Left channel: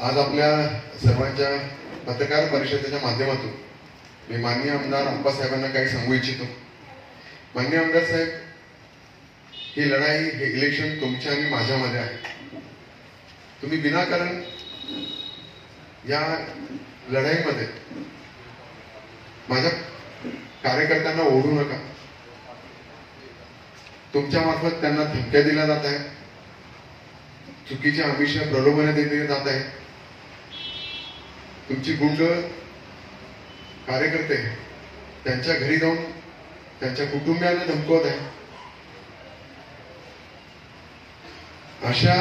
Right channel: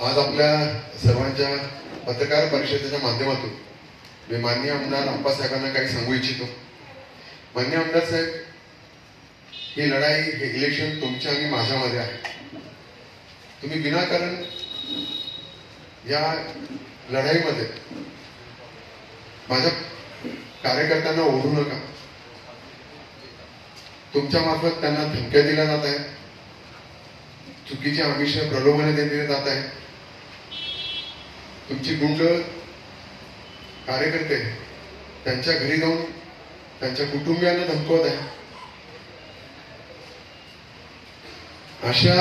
आज आपल्या सर्वांच्या पत्रकार परिषदेच्या माध्यमातून मी माननीय आमदार अप्पासाहेबांना काही सांगू इच्छितो. माननीय आमदार साहेब, ही लढाई, हे इलेक्शन तुमच्या आणि माझ्यामध्ये आहे. तुम्ही विनाकारण या लढाईमध्ये माझ्या कार्यकर्त्यांना ओढू नका. तुमच्या मार्फत त्यांना धमक्या दिल्या जात आहेत, चुकीची आमिष प्रलोभने दिली जात आहे. तुमची गुंड कार्यकर्ते त्यांच्या घरी जाऊन त्यांच्या कुटुंबियांना धमकवत आहे. अशा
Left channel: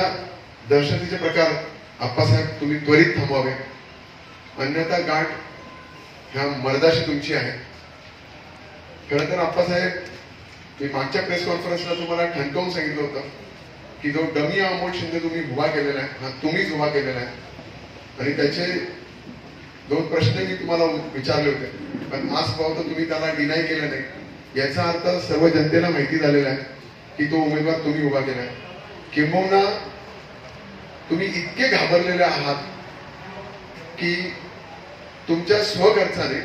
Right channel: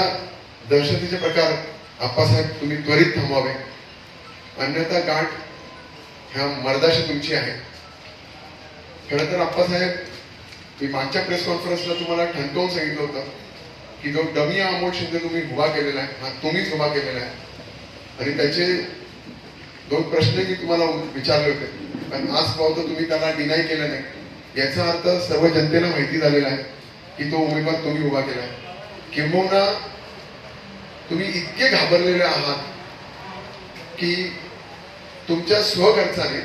दहशतीचे प्रकार अप्पासाहेब तुम्ही त्वरित थांबवावे, अन्यथा गाठ ह्या मर्दाशी तुमची आहे. खरं तर अप्पासाहेब, मी मागच्या प्रेस कॉन्फरन्सला तुम्हाला ठणकावून सांगितलं होतं की जो डमी अमोल शिंदे तुम्ही उभा केलेला आहे, हा तुम्हीच उभा केलेला आहे. आणि त्याचे 2 प्रश्न मी तुम्हाला विचारले होते, पण आज पाहतो तुम्ही त्याला डिनाय केलं नाही. याचा अर्थ सर्व जनतेला माहिती झालेला आहे की तो उमेदवार तुम्ही उभा केला आहे. किंबहुना तुम्ही इतके घाबरलेले आहात की तुमच्या स्वखर्चाने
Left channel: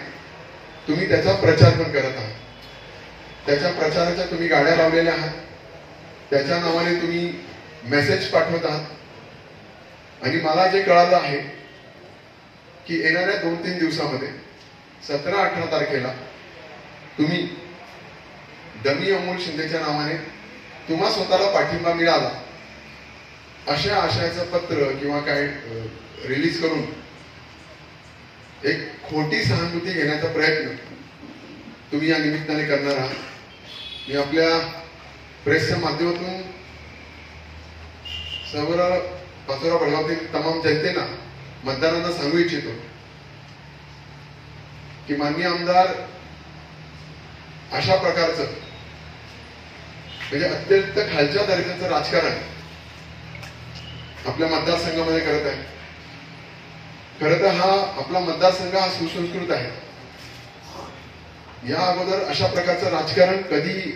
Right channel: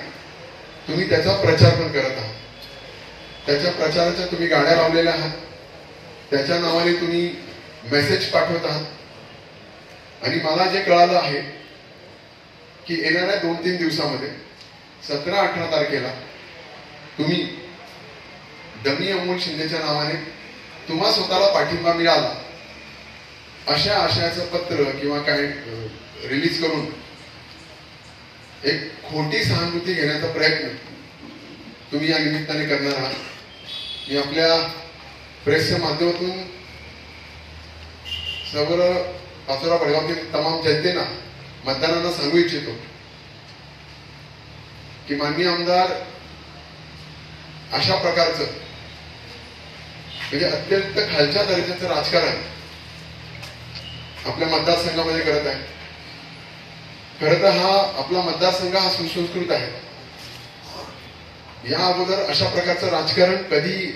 तुम्ही त्याचा प्रचार पण करत आहात. त्याच्या प्रचाराच्या तुम्ही गाड्या लावलेल्या आहात, त्याच्या नावाने तुम्ही मेसेज पाठवत आहात. आणि मला जे कळालं आहे की येणाऱ्या 2-3 दिवसामध्ये 17-18 तारखेला तुम्ही डमी अमोल शिंदेच्या नावाने तुम्हा स्वतःला पाठिंबा मिळाला अशा आशयाचं पत्र किंवा काय रिलीज करून एक खोटी सहानुभूती घेण्याचा प्रयत्न तुम्ही या निमित्ताने करणार आहात. मी आपल्या प्रेसच्या माध्यमातून सर्व पाचोरा भडगावतील तमाम जनतेला, मतदारांना सांगू इच्छितो की माननीय आमदार अशा प्रकारचं म्हणजे अत्यंत खालच्या दर्जाचं राजकारण आपल्या मतदारसंघामध्ये करत आहे. खरं तर हा आपला मतदारसंघ हा सुसंस्कृत आहे. या अगोदर अशा प्रकारचं राजकारण कधी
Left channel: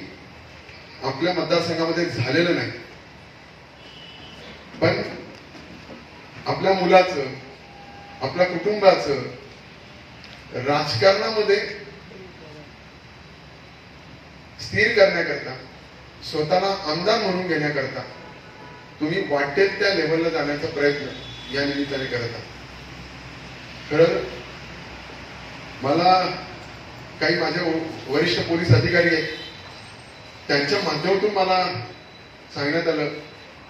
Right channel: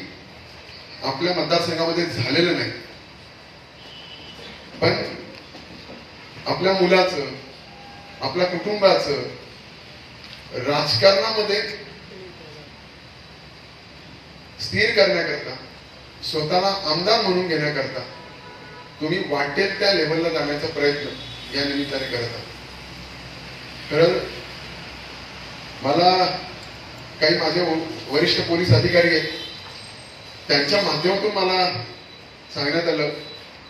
आपल्या मतदारसंघामध्ये झालेलं नाही. पण आपल्या मुलाचं, आपल्या कुटुंबाचं राजकारणामध्ये स्थिर करण्याकरता, स्वतःला आमदार म्हणून घेण्याकरता तुम्ही वाटेल त्या लेवलला जाण्याचा प्रयत्न या निमित्ताने करत आहात. खरं मला काही माझे वरिष्ठ पोलीस अधिकारी आहेत, त्यांच्या माध्यमातून मला सांगण्यात आलं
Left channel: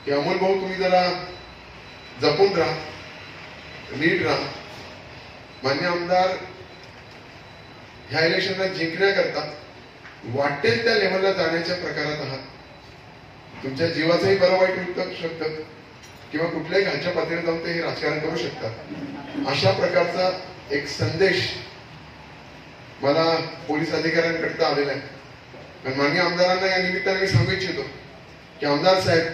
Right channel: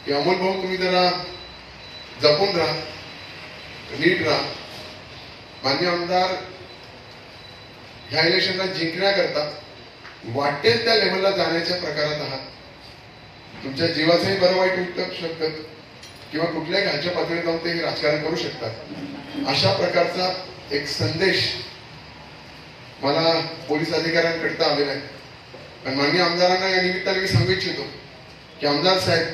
की अमोल भाऊ, तुम्ही जरा जपून राहा, नीट राहा. मान्य आमदार ह्या इलेक्शनला जिंकण्याकरता वाटेल त्या लेवलला जाण्याच्या प्रकारात आहात. तुमच्या जीवाचंही बरं वाईट होऊ शकतं किंवा कुठल्याही खालच्या पातळीवर जाऊन ते राजकारण करू शकतात. अशा प्रकारचा एक संदेश मला पोलीस अधिकाऱ्यांकडे आलेला आहे. पण माननीय आमदारांना या निमित्ताने मी सांगू इच्छितो की आमदार साहेब,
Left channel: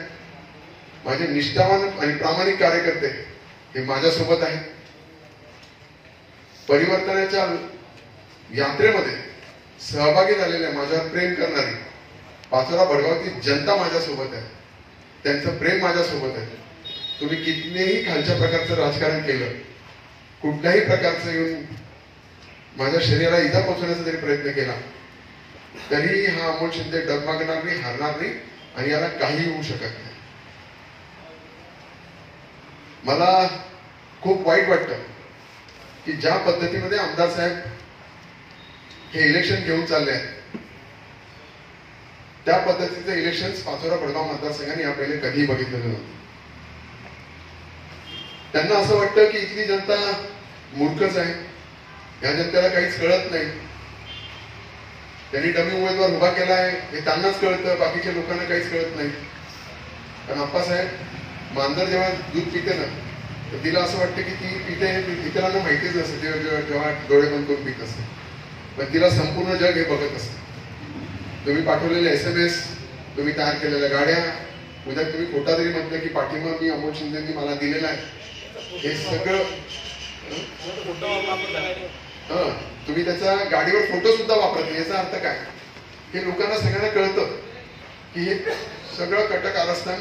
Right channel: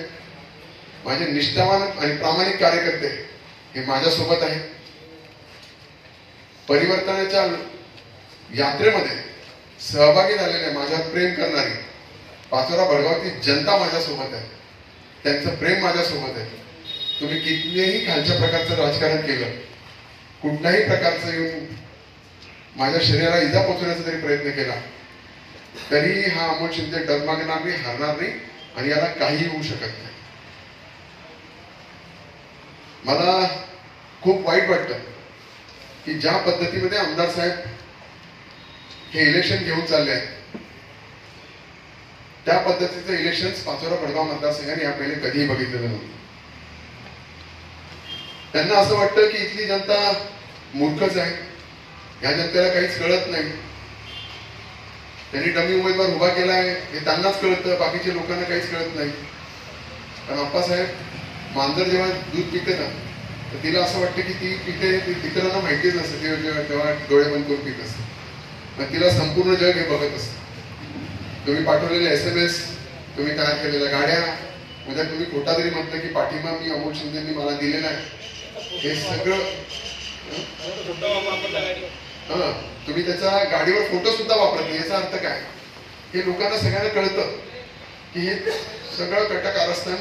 माझे निष्ठावान आणि प्रामाणिक कार्यकर्ते हे माझ्यासोबत आहेत. परिवर्तनाच्या यात्रेमध्ये सहभागी झालेल्या, माझ्यावर प्रेम करणारी पाचोरा भडगावची जनता माझ्यासोबत आहे. त्यांचं प्रेम माझ्यासोबत आहे. तुम्ही कितीही खालच्या प्रकारचं राजकारण केलं, कुठल्याही प्रकारचं येऊन माझ्या शरीराला इजा पोचवण्याचा जरी प्रयत्न केला, तरी हा अमोल शिंदे डगमगणार नाही, हारणार नाही आणि याला काही होऊ शकत नाही. मला खूप वाईट वाटतं की ज्या पद्धतीमध्ये आमदार साहेब हे इलेक्शन घेऊन चालले आहेत, त्या पद्धतीचं इलेक्शन पाचोरा भडगाव मतदारसंघाने या पहिले कधीही बघितलेलं नव्हतं. त्यांना असं वाटतं की इथली जनता मूर्खच आहे, या जनतेला काहीच कळत नाही. त्यांनी डमी उमेदवार उभा केला आहे हे त्यांनाच कळतं, बाकीच्या लोकांना काहीच कळत नाही. कारण अप्पासाहेब, मांजर जेव्हा दूध पिते ना, तर तिला असं वाटतं की ती पिते हे इतरांना माहितीच नसतं. जेव्हा डोळे बंद करून पित असते, पण तिला संपूर्ण जग हे बघत असतं. तुम्ही पाठवलेले SMS, तुम्ही तयार केलेल्या गाड्या, म्हणजे तुम्ही खोटा जरी म्हटलं की पाठिंबा मी अमोल शिंदेंनी मला दिलेला आहे, हे सगळं तुम्ही त्याचा गाडीवर फोटो सुद्धा वापरत नाही. याचा अर्थ काय? हे लोकांना सगळ्यांना कळतं की हे सगळं कटकारस्थान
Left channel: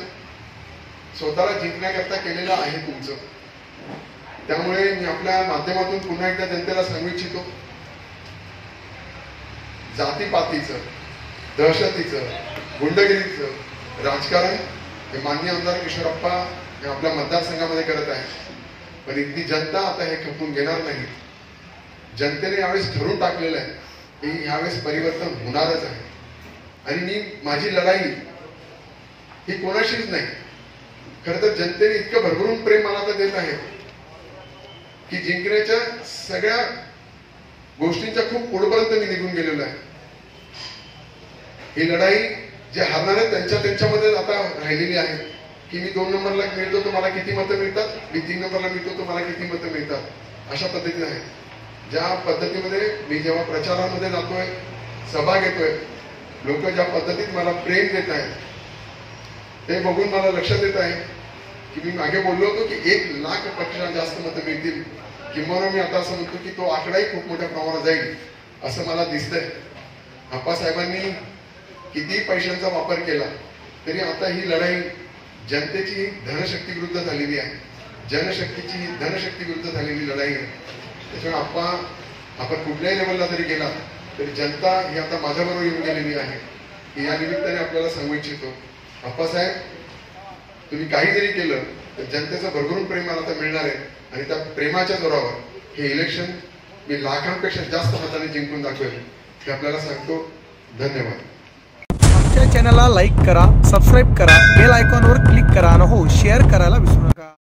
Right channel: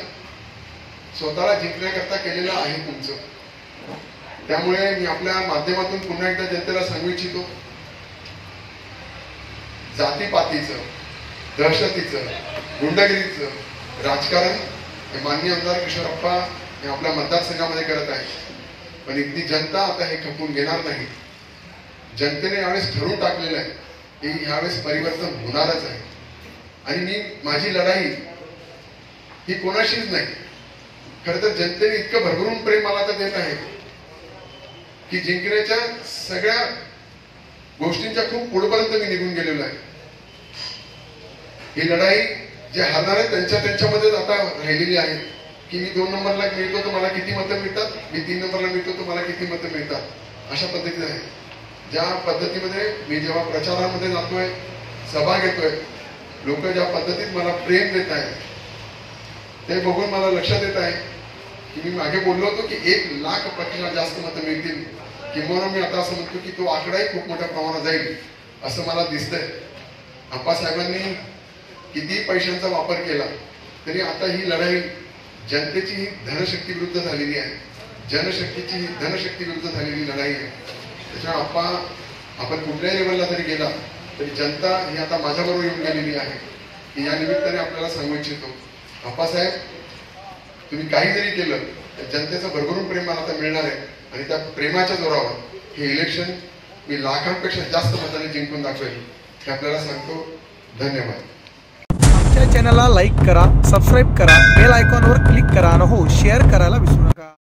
स्वतःला जिंकण्याकरता केलेलं आहे तुमचं. त्यामुळे मी आपल्या माध्यमातून पुन्हा एकदा जनतेला सांगू इच्छितो, जातीपातीचं, दहशतीचं, गुंडगिरीचं राजकारण हे माननीय आमदार किशोरप्पा हे आपल्या मतदारसंघामध्ये करत आहे. पण इथली जनता आता हे खपवून घेणार नाही. जनतेने यावेळेस ठरवून टाकलेलं आहे की यावेळेस परिवर्तन होणारच आहे. आणि माझी लढाई ही कोणाशीच नाही. खरं तर जनतेने इतकं भरभरून प्रेम मला तर देत आहे की जिंकण्याच्या सगळ्या गोष्टींच्या खूप पुढेपर्यंत मी निघून गेलेलो आहे. ही लढाई जे हारणार आहेत त्यांच्यामध्येच आता राहिलेली आहे की मी 2 नंबरला मिळतो तर मला किती मतं मिळतात, मी 3 नंबरला मिळतो तर मला किती मतं मिळतात, अशा पद्धतीने आहे. ज्या पद्धतीमध्ये मी जेव्हा प्रचारामध्ये जातोय, सभा घेतोय, लोक ज्या पद्धतीत मला प्रेम देत आहेत ते बघून मला लक्षात येत आहे की मी मागे बोललो होतो की 1 लाख पेक्षा जास्त मतं मिळतील, किंवा मी आता असं म्हणतो की तो आकडाही खूप मोठ्या प्रमाणात जाईल असं मला दिसतंय. आप्पासाहेबांनी कितीही पैशांचा वापर केला तरी आता ही लढाई जनतेची धनशक्ती विरुद्ध झालेली आहे, जनशक्तीची धनशक्ती विरुद्ध झालेली लढाई आहे. त्याच्यामुळे आपण कुठल्याही लेवलला जरी गेला तरी जनता ही आता माझ्याबरोबर येऊन गेलेली आहे. की या निमित्ताने आपल्याला सांगू इच्छितो, आप्पासाहेब तुम्ही काही जरी केलं तर जनतेचं भरभरून प्रेम मला आता मिळणार आहे. आणि त्या प्रेमाच्या जोरावर हे इलेक्शन मी लाखांपेक्षा जास्त मताने जिंकून दाखवेल हे आपल्याला सांगतो. धन्यवाद. आमच्या चॅनलला लाईक करा, सबस्क्राईब करा, बेल आयकॉनवर क्लिक करा आणि हो शेअर करायला विसरू नका.